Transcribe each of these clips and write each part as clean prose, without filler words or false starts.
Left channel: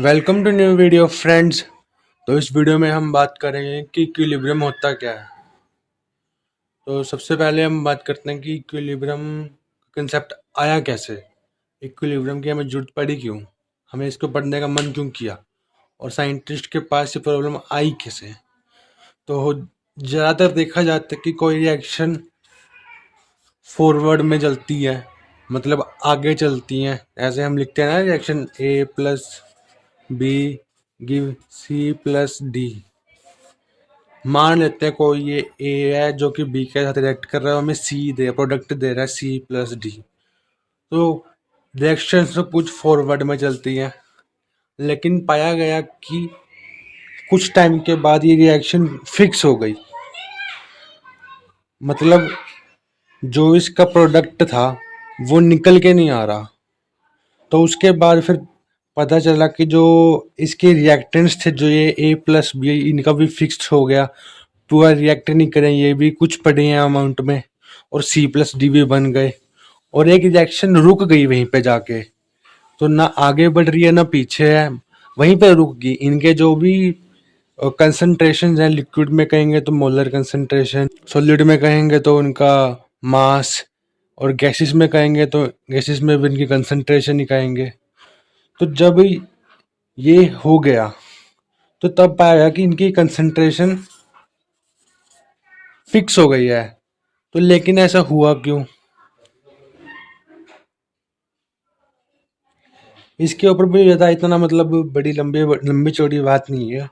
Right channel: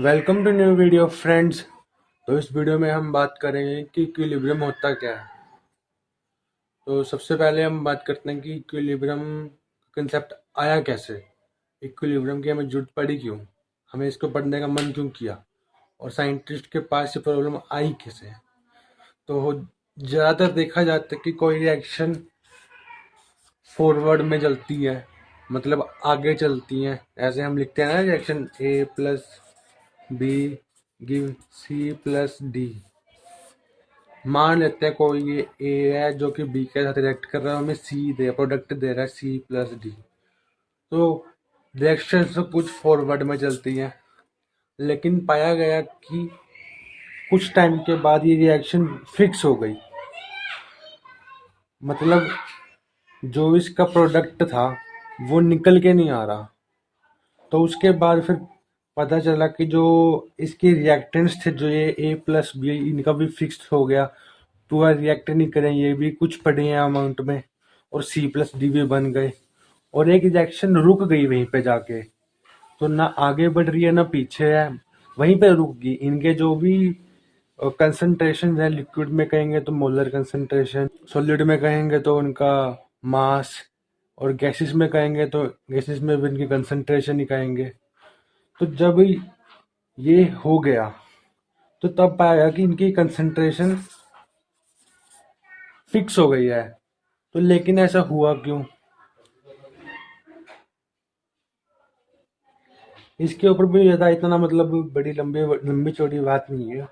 Welcome to new video friends. तो इस video में हम बात करेंगे कि इक्विलिब्रियम होता क्या है। तो सबसे पहले हम बात करते हैं कि इक्विलिब्रियम कंसेप्ट आया कैसे, इक्विलिब्रियम की हमें जरूरत पड़ी क्यों, हमें इसको पढ़ने का मन क्यों किया और साइंटिस्ट के पास ये प्रॉब्लम आई कैसे। तो ज़्यादातर देखा जाता है कि कोई रिएक्शन फॉरवर्ड में चलती है, मतलब आगे चलती हैं। ऐसे हम लिखते हैं ना, reaction A plus B give C plus D. मान लेते हैं कोई ये ए है जो कि बी के साथ रिएक्ट कर रहा है, हमें सी दे प्रोडक्ट दे रहा है सी प्लस डी। तो रिएक्शन तो कुछ फॉरवर्ड में चलती है, लेकिन पाया गया कि कुछ टाइम के बाद ये रिएक्शन फिक्स हो गई। मतलब जो इसका प्रोडक्ट था वो निकल के नहीं आ रहा। तो उसके बाद फिर पता चला कि जो इसके रिएक्टेंट्स थे, जो ये ए प्लस बी, इनका भी फिक्स्ड हो गया। पूरा रिएक्ट नहीं करें, ये भी कुछ पड़े हैं अमाउंट में, और सी प्लस डी भी बन गए। और एक रिएक्शन रुक गई वहीं पे जाके, तो ना आगे बढ़ रही है ना पीछे है, वहीं पे रुक गई। इनके जो भी कंसंट्रेशन है, लिक्विड में कहेंगे तो मोलर कंसंट्रेशन, सॉलिड में कहेंगे तो उनका मास, और गैसेस में कहेंगे तो गैसेस में भी इनकी कंसंट्रेशन ही कहेंगे। तो जब ये हो गया तो तब पाया गया कि इनकी कंसंट्रेशन फिक्स हो गई है। तो लेकिन ऐसा हुआ क्यों, इसके ऊपर भी ज़्यादा इतना मतलब बड़ी लंबी चौड़ी बात नहीं है।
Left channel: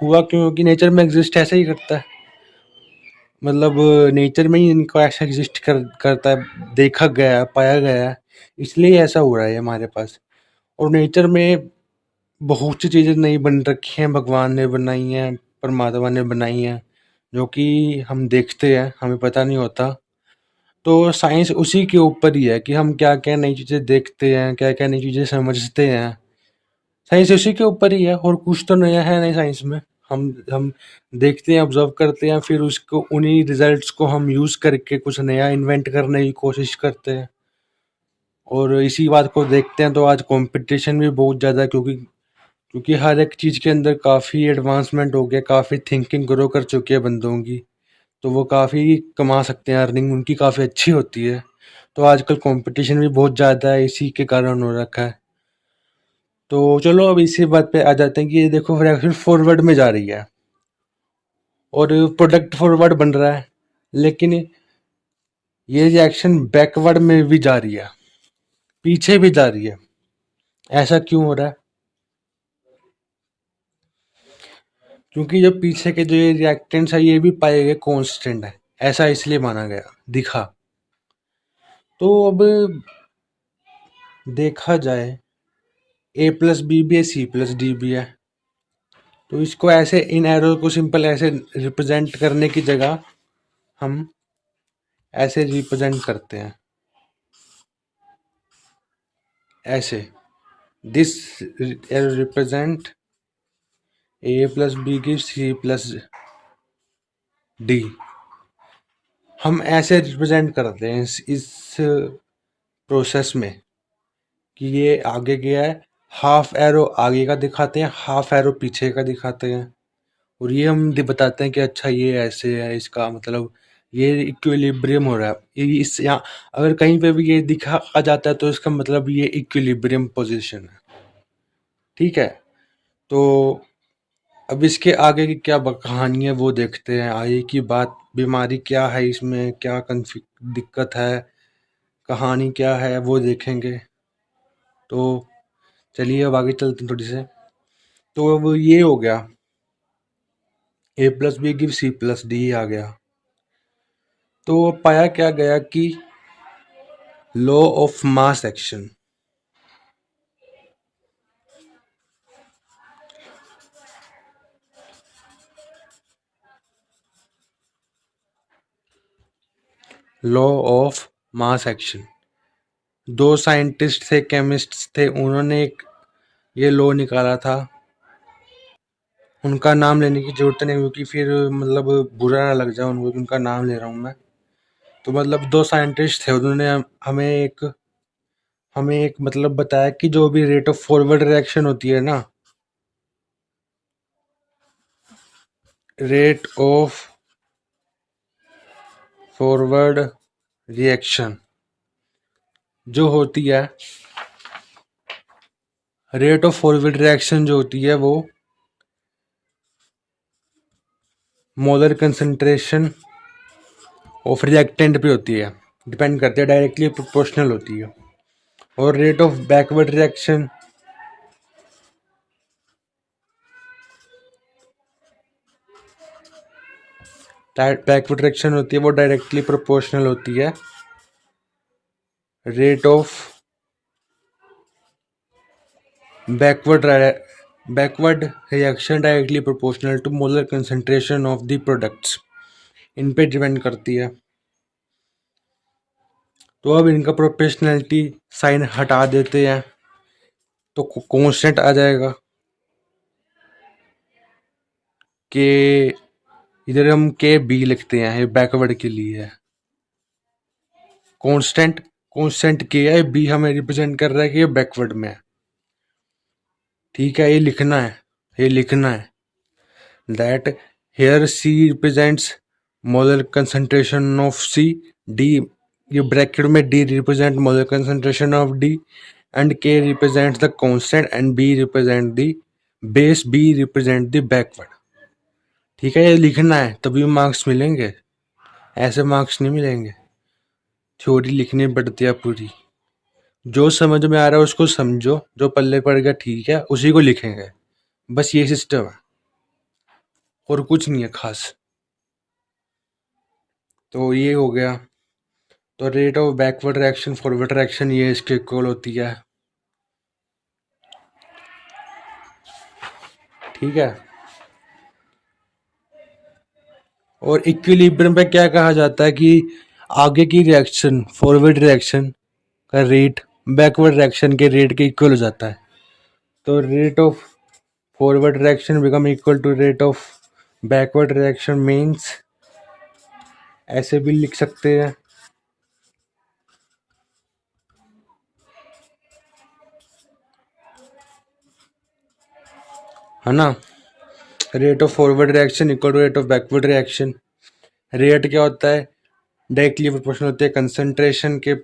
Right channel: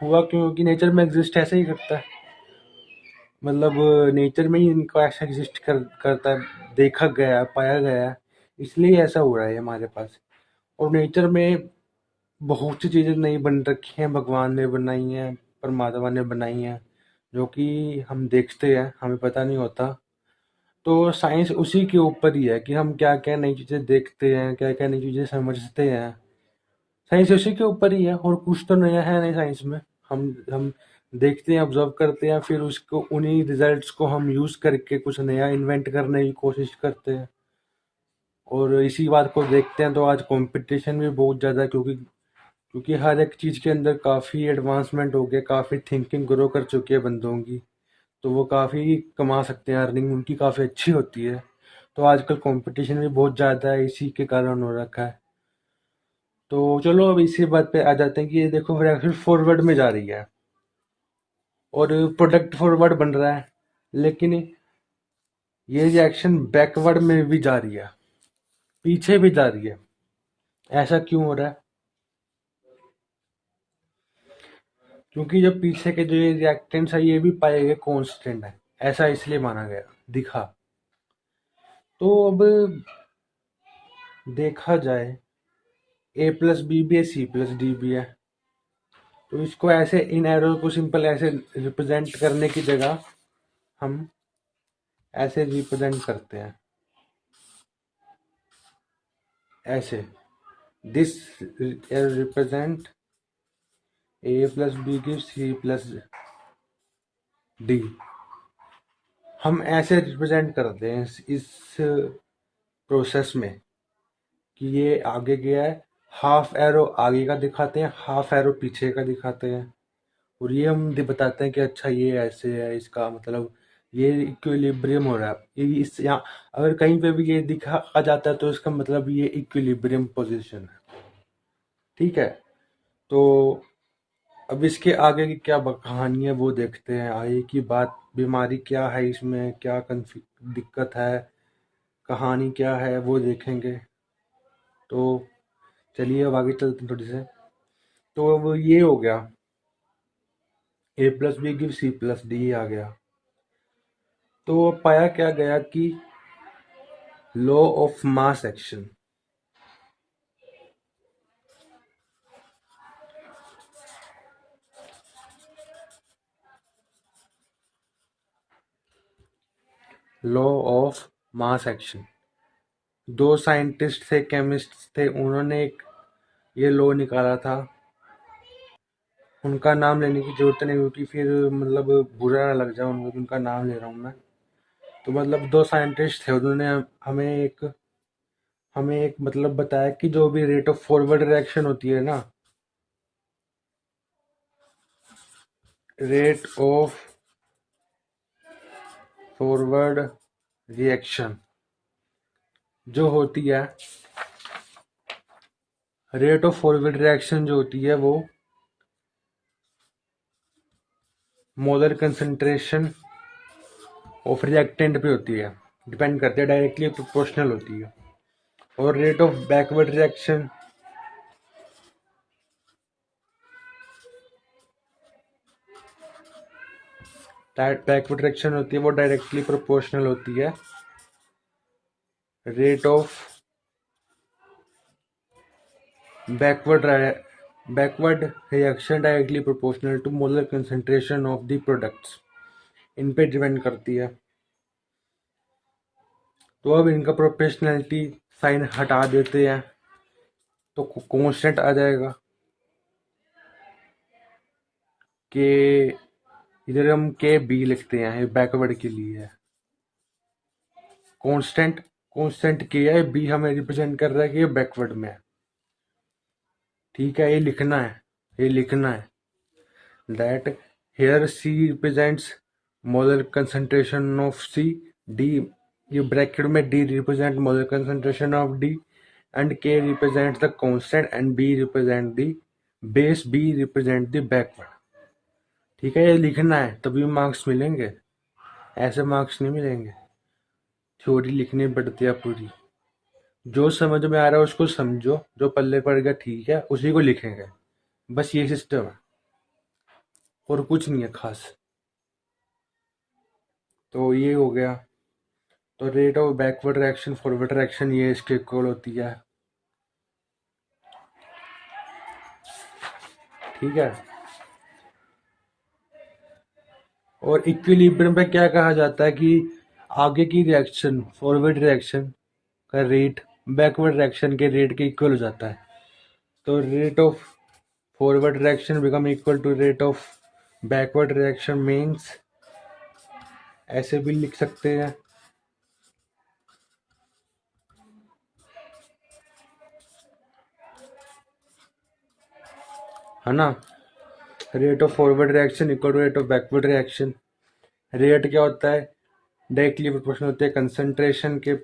हुआ क्यों कि नेचर में एग्जिस्ट ऐसे ही करता है, मतलब नेचर में ही इनको ऐसा एग्जिस्ट करता है, देखा गया है, पाया गया है, इसलिए ऐसा हो रहा है हमारे पास। और नेचर में बहुत सी चीज़ें नई बन रखी हैं, भगवान ने बनाई हैं, परमात्मा ने बनाई हैं, जो कि हम देखते हैं, हमें पता नहीं होता। तो साइंस उसी के ऊपर ही है कि हम क्या क्या नई चीज़ें देखते हैं, क्या क्या नई चीज़ें समझते हैं। साइंस उसी के ऊपर ही है, और कुछ तो नया है नहीं साइंस में। हम देखते हैं, ऑब्जर्व करते हैं, फिर उसको उन्हीं रिजल्ट्स को हम यूज़ करके कुछ नया इन्वेंट करने की कोशिश करते हैं। और इसी बात को देखते हैं तो आज कंपटीशन भी बहुत ज़्यादा है, क्योंकि हर एक चीज़ के अंदर काफ़ी एडवांसमेंट हो गया, काफ़ी थिंकिंग ग्रो कर चुकी है बंदों की। तो वो काफ़ी कमा सकते हैं, अर्निंग उनकी काफ़ी अच्छी होती है। तो आजकल कंपटीशन भी बहुत ज़्यादा है, इसी के कारण हो रखा है। तो चलो अब इसी बात पे आ जाते हैं कि ये देखो रिएक्शन फॉरवर्ड में जा रही है और प्रोडक्ट फॉरवर्ड बन रहा है, लेकिन ये रिएक्शन बैकवर्ड में भी जा रही है, पीछे भी जा रही है। ऐसा क्यों हो रहा है? क्योंकि जो पीछे के जो ये रिएक्टेंट्स है ये भी पाए गए कांस्टेंट है, ऐसा इसलिए माना गया, दिखा। तो अब देखा जाए, ए प्लस बी भी है, सी प्लस डी भी है। तो इसको ऐसे इन एरो को सिंपल ऐसे रिप्रेजेंट करने की जगह हम ऐसे रिप्रेजेंट करते हैं, ऐसे this arrow represent A plus B की सी प्लस डी। हम ऐसे रिप्रेजेंट करते हैं इस प्रोसेस में कि ये आगे गया है, हाफ एरो आगे का दिखाते हैं, हाफ एरो पीछे का दिखाते हैं। और ये हम बताते हैं कि अच्छा ये ऐसे है, इसका मतलब ये इक्विलिब्रियम हो रहा है। ये इस यहाँ अगर कहीं पे भी ये दिखा आ जाता है तो इसका मतलब ये इक्विलिब्रियम पोजीशन है। ठीक है, तो अब इसके आगे की क्या कहानी है वो देखते हैं। आगे की बात, बीमारी क्या है इसमें, क्या दिक्कत है, कहानी क्या है, वो देखेंगे। तो चलिए अब आगे चलते हैं थोड़ी से। तो अब ये हो गया, A plus B give C plus D आ गया। तो पाया क्या गया कि law of mass action, law of mass action, दो साइंटिस्ट थे, केमिस्ट थे, उन्होंने एक ये लॉ निकाला था। उनका नाम लेने की जरूरत नहीं, क्योंकि फिर मतलब बुरा ना लग जाए उनको, उनका नाम ले रहा हूँ मैं। तो मतलब दो साइंटिस्ट थे, उन्होंने हमें एक मतलब बताया कि जो भी रेट ऑफ फॉरवर्ड रिएक्शन होती है ना, रेट ऑफ फॉरवर्ड रिएक्शन जो होती है, रेट ऑफ फॉरवर्ड रिएक्शन जो होती है वो मोलर कंसंट्रेशन ऑफ रिएक्टेंट पे होती है, डिपेंड करती है, डायरेक्टली प्रोपोर्शनल होती है। और rate of backward reaction backward reaction होती है वो डायरेक्टली प्रोपोर्शनल होती है rate of backward reaction directly proportional to molar concentration of the products, इन पे डिपेंड करती है। तो अब इनका प्रोपोर्शनैलिटी साइन हटा देते हैं तो कांस्टेंट आ जाएगा कि इधर हम के बी लिखते हैं, ये बैकवर्ड के लिए है। कांस्टेंट के है, बी हमें रिप्रेजेंट कर रहा है कि ये बैकवर्ड में है। ठीक है, ये लिखना है that here C represents molar concentration of C, D ये ब्रैकेट में D represent molar concentration of D and K represent the constant and B represent the base, B represent the backward. ठीक है, ये लिखना है तभी मार्क्स मिलेंगे, ऐसे मार्क्स नहीं मिलेंगे। थ्योरी लिखनी पड़ती है पूरी, जो समझ में आ रहा है उसको समझो, जो पल्ले पड़ गया ठीक है उसी को लिखेंगे, बस ये सिस्टम है और कुछ नहीं है खास। तो ये हो गया। तो rate of backward reaction forward reaction ये इसके इक्वल होती है। ठीक है, और इक्विलिब्रियम पे क्या कहा जाता है कि आगे की रिएक्शन फॉरवर्ड रिएक्शन का रेट बैकवर्ड रिएक्शन के रेट के इक्वल हो जाता है। तो rate of forward reaction become equal to rate of backward reaction means, ऐसे भी लिख सकते हैं है ना, rate of forward reaction equal to rate of backward reaction. Rate क्या होता है, डायरेक्टली प्रोपोर्शनल होती है कंसंट्रेशन के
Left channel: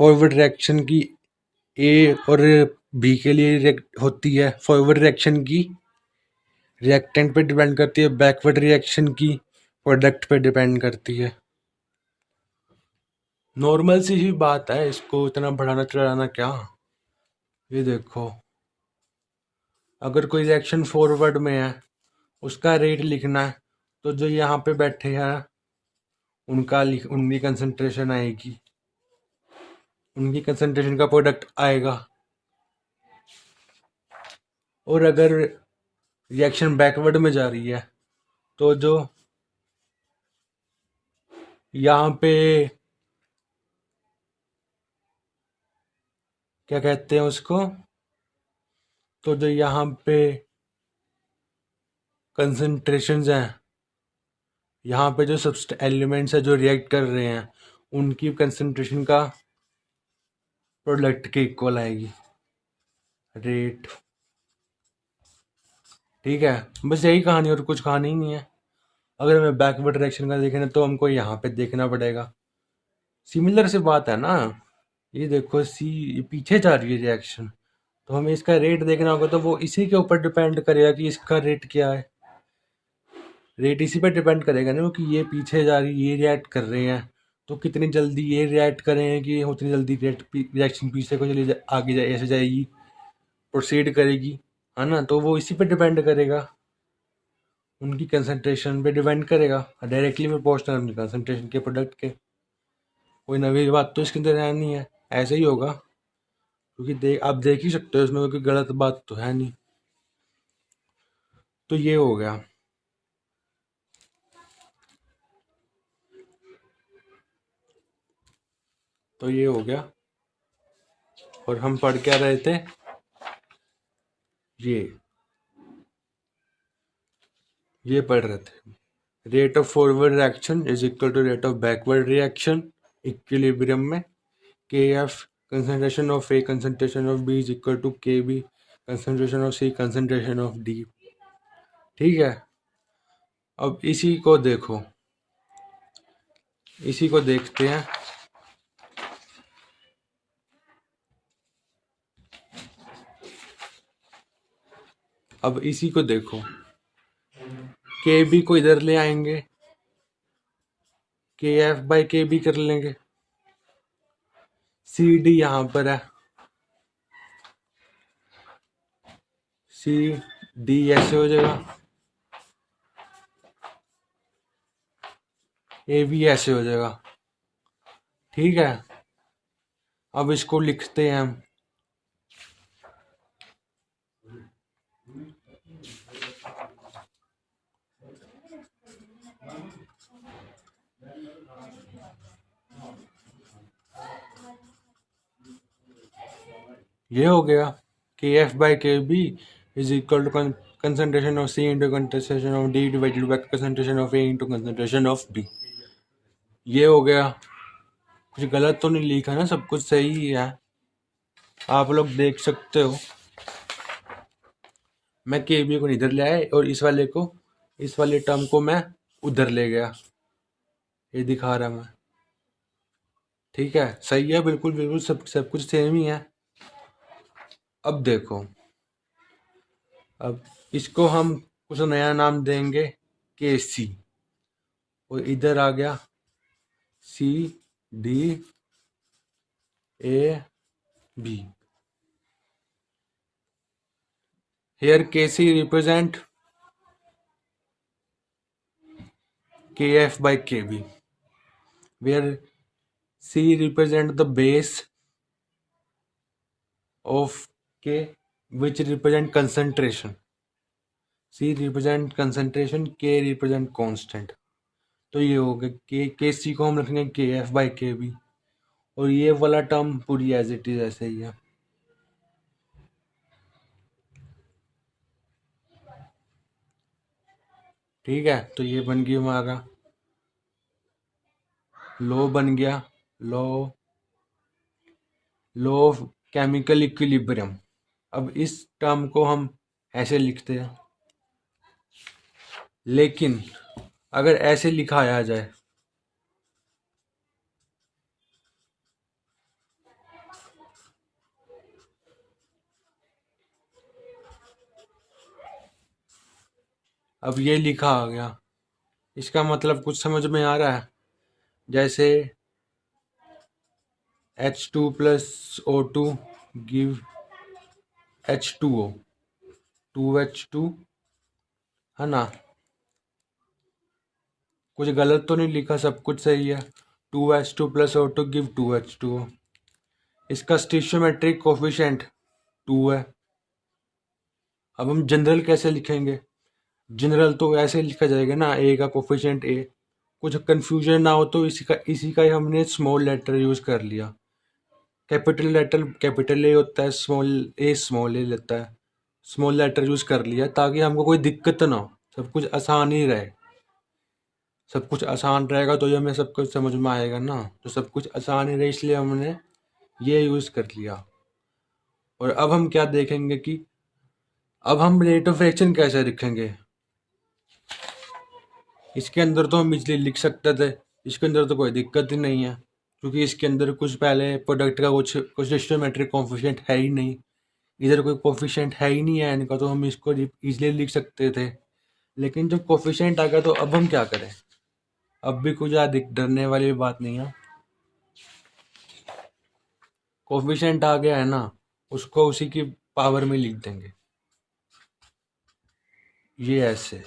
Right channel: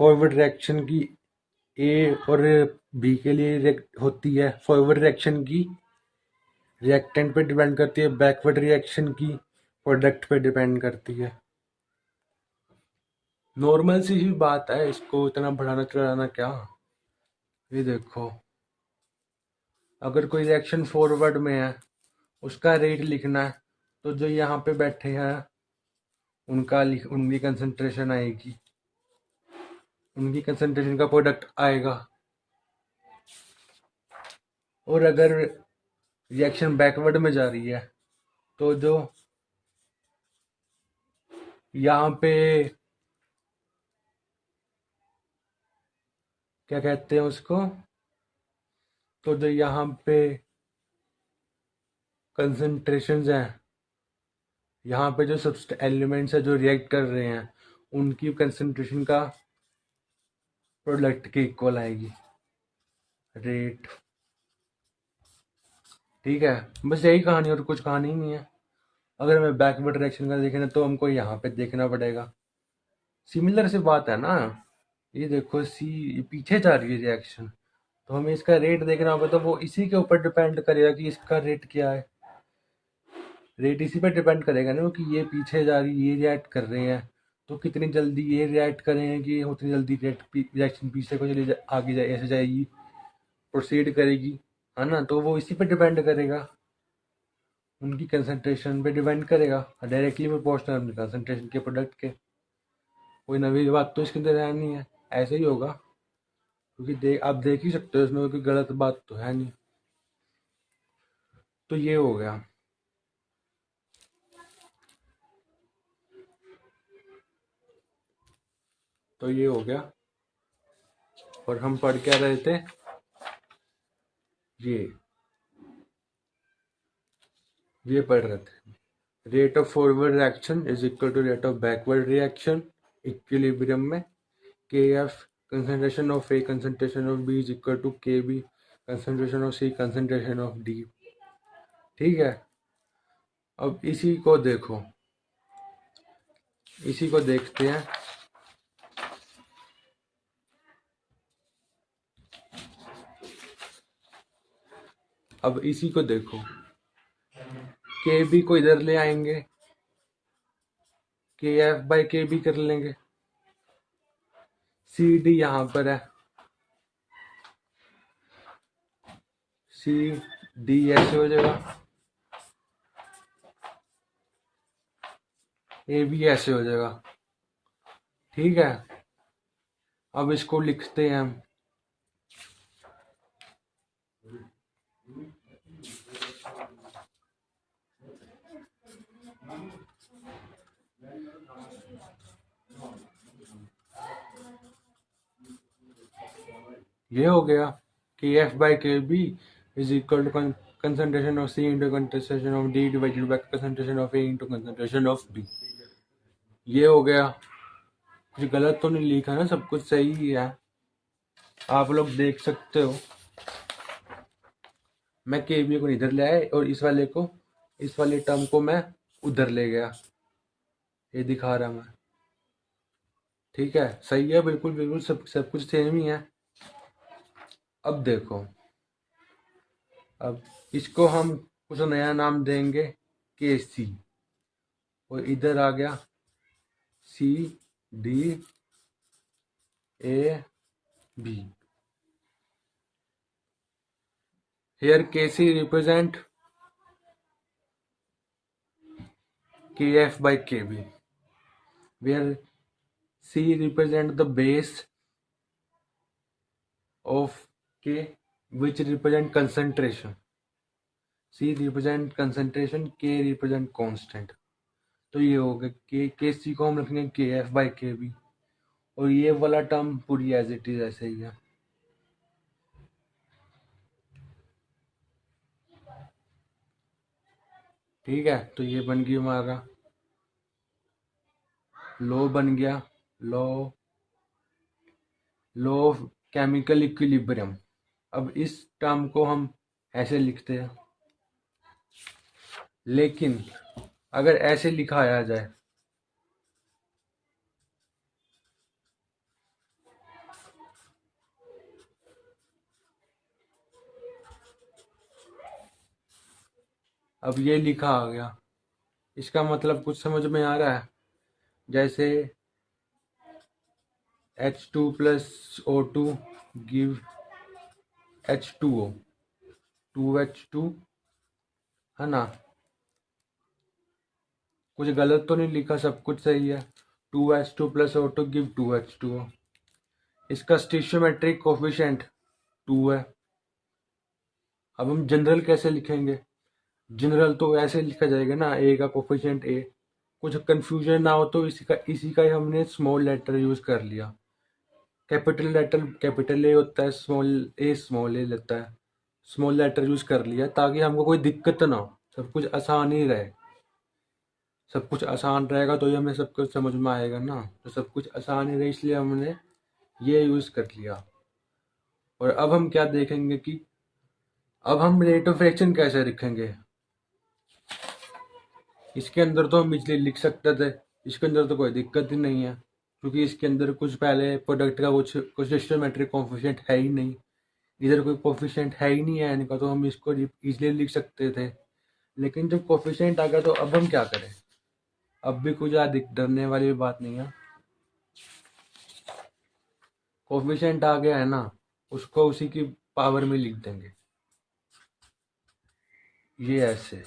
फॉरवर्ड रिएक्शन की ए और बी के लिए होती है, फॉरवर्ड रिएक्शन की रिएक्टेंट पे डिपेंड करती है, बैकवर्ड रिएक्शन की प्रोडक्ट पे डिपेंड करती है। नॉर्मल सी ही बात है, इसको इतना बढ़ाना चढ़ाना क्या। ये देखो, अगर कोई रिएक्शन फॉरवर्ड में है उसका रेट लिखना है तो जो यहाँ पे बैठे हैं उनकी कंसंट्रेशन आएगी, उनकी कंसंट्रेशन का प्रोडक्ट आएगा। और अगर रिएक्शन बैकवर्ड में जा रही है तो जो यहाँ पे क्या कहते हैं उसको, तो जो यहाँ पे कंसंट्रेशंस हैं, यहाँ पे जो एलिमेंट्स है जो रिएक्ट कर रहे हैं उनकी कंसंट्रेशन का प्रोडक्ट के इक्वल आएगी रेट। ठीक है, बस यही कहानी और कुछ कहानी ही नहीं है। अगर हमें बैकवर्ड डायरेक्शन का देखना तो हमको यहाँ पे देखना पड़ेगा, सिमिलर सी बात है ना। ये देखो सी पीछे जा रही है रिएक्शन, तो हमें इसका रेट देखना होगा, तो वो इसी के ऊपर डिपेंड करेगा कि इसका रेट क्या है। रेट इसी पर डिपेंड करेगा ना कि ये पीछे जा रही, ये रिएक्ट कर रहे हैं तो कितनी जल्दी ये रिएक्ट करें कि उतनी जल्दी रिएक्शन पीछे को चली आगे जाए, ऐसे जाएगी, प्रोसीड करेगी, है ना। तो वो इसी पे डिपेंड करेगा, उनकी कंसंट्रेशन पे डिपेंड करेगा, डायरेक्टली प्रोपोर्शनल उनकी कंसंट्रेशन के प्रोडक्ट के। कोई नवी बात तो इसके अंदर है नहीं है, ऐसे ही होगा, क्योंकि आप देख ही सकते हो इसमें कोई गलत बात तो है नहीं। तो ये हो गया। तो ये हो गया, और हम पढ़ क्या रहे थे, ये पढ़ रहे थे rate of forward reaction is equal to rate of backward reaction equilibrium में। K F concentration of A concentration of B is equal to K B concentration of C concentration of D. ठीक है, अब इसी को देखो, इसी को देखते हैं। अब इसी को देखो, के बी को इधर ले आएंगे, के एफ बाई के बी कर लेंगे, सी डी यहां पर है, सी डी ऐसे हो जाएगा, ए बी ऐसे हो जाएगा। ठीक है, अब इसको लिखते हैं हम। ये हो गया कि F by K B is equal to concentration of C into concentration of D divided by concentration of A into concentration of B. ये हो गया। कुछ गलत तो नहीं लिखा ना, सब कुछ सही ही है, आप लोग देख सकते हो। मैं के बी को इधर ले आया और इस वाले को, इस वाले टर्म को मैं उधर ले गया, ये दिखा रहा मैं। ठीक है, सही है, बिल्कुल बिल्कुल सब कुछ सेम ही है। अब देखो, अब इसको हम कुछ नया नाम देंगे, के सी, और इधर आ गया C D A B. Here Kc represent Kf by Kb, where C represent the base of K, which represent concentration. C represent concentration, K represent constant. तो ये हो गया के सी को हम रखेंगे के एफ बाई के बी, और ये वाला टर्म पूरी एज इट इज ऐसे ही है। ठीक है, तो ये बन गया हमारा लॉ, बन गया law law of chemical equilibrium. अब इस टर्म को हम ऐसे लिखते हैं, लेकिन अगर ऐसे लिखाया जाए, अब ये लिखा आ गया, इसका मतलब कुछ समझ में आ रहा है? जैसे H2 plus O2 give H2O, 2H2, है ना? कुछ गलत तो नहीं लिखा, सब कुछ सही है। 2H2 plus O2 give 2H2O। इसका स्टिशियोमेट्रिक कोफिशिएंट 2 है। अब हम जनरल कैसे लिखेंगे? जनरल तो ऐसे लिखा जाएगा ना, ए का कोफिशिएंट ए। कुछ कंफ्यूजन ना हो तो इसी का ही हमने स्मॉल लेटर यूज कर लिया। कैपिटल लेटर कैपिटल ए होता है, स्मॉल ए लेता है, स्मॉल लेटर यूज कर लिया ताकि हमको कोई दिक्कत ना हो, सब कुछ आसान ही रहे। सब कुछ आसान रहेगा तो ये हमें सब कुछ समझ में आएगा ना, तो सब कुछ आसान ही रहे, इसलिए हमने ये यूज कर लिया। और अब हम क्या देखेंगे कि अब हम रेट ऑफ रिएक्शन कैसे लिखेंगे। इसके अंदर तो हम इजली लिख सकते थे, इसके अंदर तो कोई दिक्कत ही नहीं है, क्योंकि इसके अंदर कुछ पहले प्रोडक्ट का कुछ सिस्टोमेट्रिक कोफिशिएंट है ही नहीं। इधर कोई कोफिशिएंट है ही नहीं है इनका, तो हम इसको इजली लिख सकते थे। लेकिन जब कोफिशिएंट आ गया तो अब हम क्या करें? अब भी कुछ ज़्यादा डरने वाली बात नहीं है। कोफिशिएंट आ गया है ना, उसको उसी की पावर में लिख देंगे, ये ऐसे।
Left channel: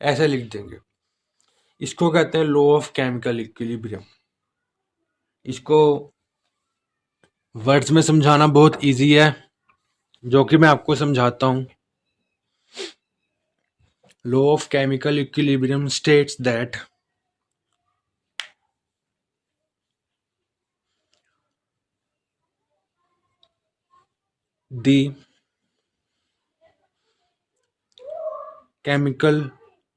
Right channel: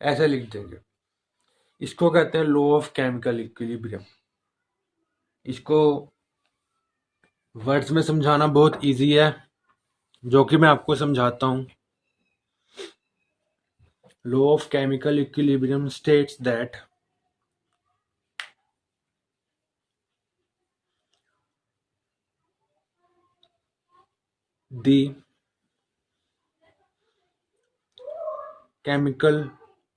ऐसे लिख देंगे। इसको कहते हैं लॉ ऑफ केमिकल इक्विलिब्रियम। इसको वर्ड्स में समझाना बहुत इजी है, जो कि मैं आपको समझाता हूँ। Law of chemical equilibrium states that the chemical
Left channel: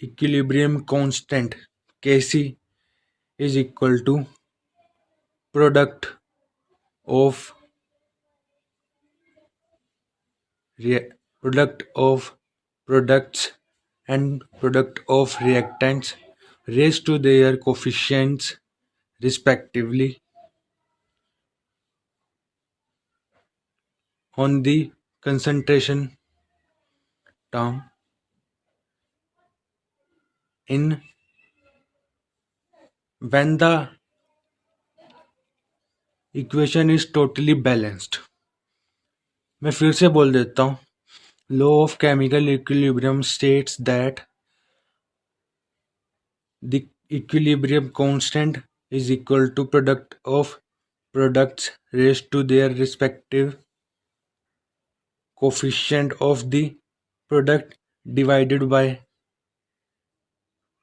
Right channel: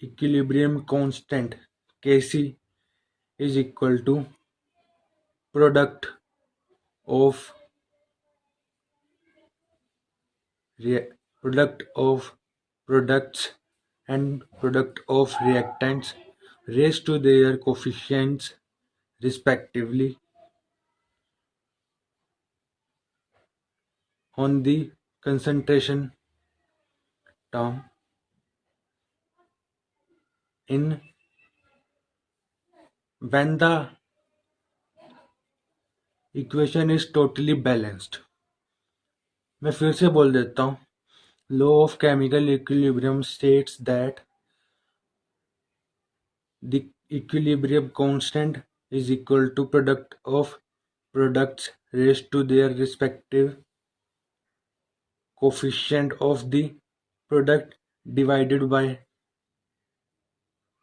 equilibrium constant Kc is equal to product of product of products and product of reactants raised to their coefficients respectively on the concentration term in when the equation is totally balanced. मैं फिर से बोल देता हूँ. Law of chemical equilibrium states that the equilibrium constant is equal to product of products raised to their respective coefficient of the product divided by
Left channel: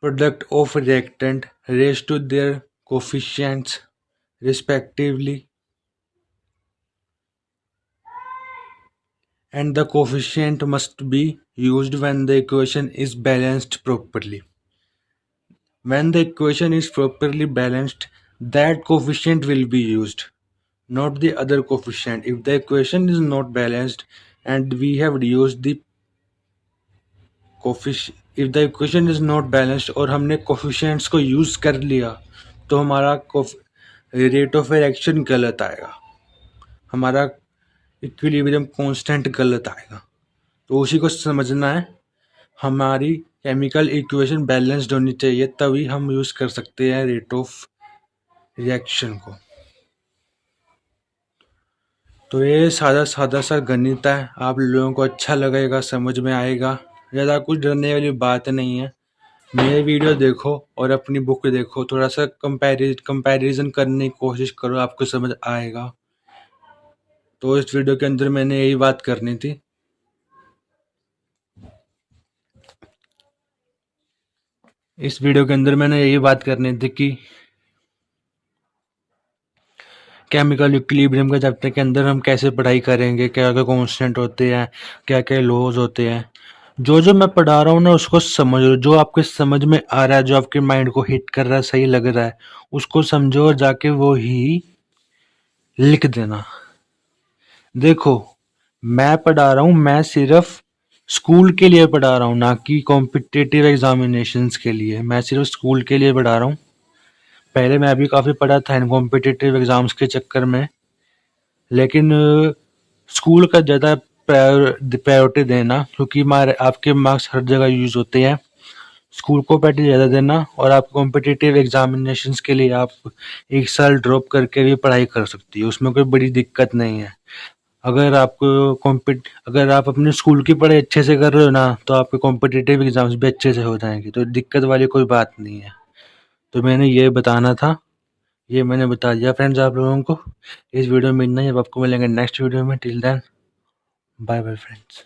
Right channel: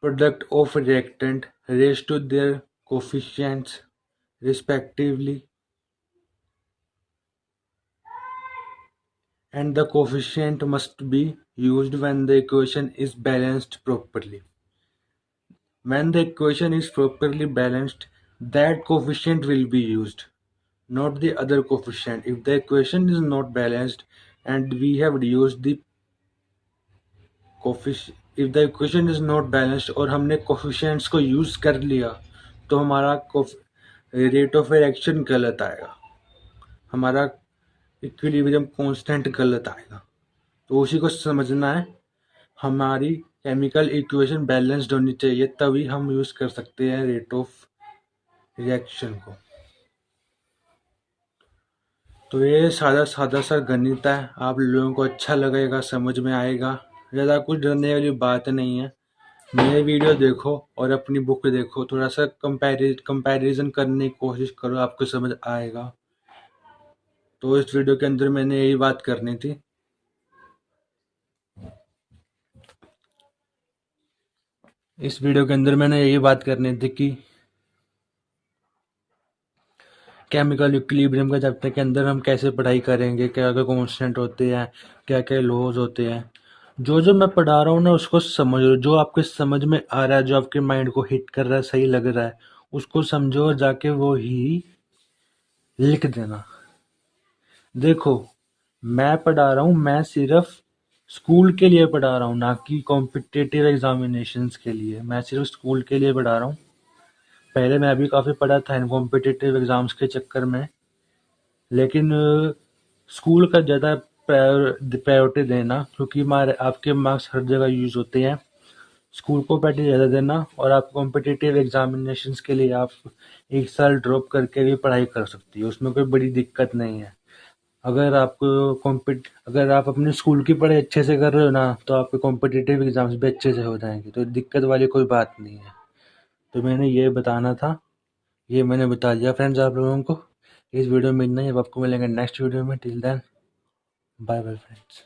product of reactant raised to their coefficients respectively, and the coefficient must be used when the equation is balanced properly. When the equation is properly balanced, that coefficient will be used, not the other coefficient. If the equation is not balanced and we have used the coefficient, if the equation is not balanced और हमने coefficients को use कर लिया तो हमारा rate of reaction गलत आएगा, हमारा इक्विलिब्रियम कांस्टेंट गलत आएगा. तो उसी को समझना है. हमारी केमिकल इक्वेशन बैलेंस्ड होनी चाहिए, तभी हम यूज कर सकते हैं रेट ऑफ रिएक्शन को. तो ये सादा सादा सा गणित है, आप लोगों को अच्छा लगेगा, समझ में आएगा. ज़्यादा कुछ डरने वाली बात नहीं है. मेरे वीडियो देखो और अपनी बुक देखो, थोड़ा सा कंपैरिजन करने की कोशिश करो, आपको समझ आएगा. तो इस वीडियो के अंदर मैंने यही बात करनी थी. इस वीडियो के अंदर मैंने यही बात करनी थी कि केमिकल इक्विलिब्रियम के चैप्टर के अंदर हम कैसे पढ़ाई करेंगे, क्या क्या कॉन्स्टेंट होते हैं, क्या क्या लॉज होते हैं. जो जो मैं पढ़ा रहा हूँ ना उसको समझ लो, जो आपके समझ में आ रहा है, जो आपके माइंड को हिट कर रहा है, सही लग रहा है, उसको समझो और जाके वो ही लिख देना. देखो मैं पढ़ा रहा हूँ, मैं सिर्फ स्कूल के लिए पढ़ा रहा हूँ, ना कि कॉम्पिटिटिव एग्जामिनेशंस के लिए. मैं सिर्फ स्कूल के लिए पढ़ा रहा हूँ. पहले मैं भी काफ़ी पढ़ा था इन कॉम्पिटिटिव एग्जाम्स के चक्कर में, लेकिन स्कूल का ज़्यादा प्रायोरिटी देना, क्योंकि आपके मार्क्स हर जगह यूज होते हैं. स्कूल को प्रायोरिटी ज़्यादा देना, और आप कॉम्पिटिटिव एग्जामिनेशंस के लिए आप 1 साल ड्रॉप करके भी पढ़ाई कर सकती हो, उसमें कोई बड़ी दिक्कत नहीं है. अगर आप अपने स्कूल की पढ़ाई अच्छे से कर रहे हो ना, तो आपके कॉम्पिटिटिव एग्जाम्स भी अच्छे से हो जाएंगे, तो दिक्कत वाली कोई बात नहीं है. तो मैंने ये बताना था, ये मैंने बता दिया फ्रेंड्स आप लोगों को. इस वीडियो में इतना ही. अब आपको मिलेंगे नेक्स्ट वीडियो में. Till then bye bye friends.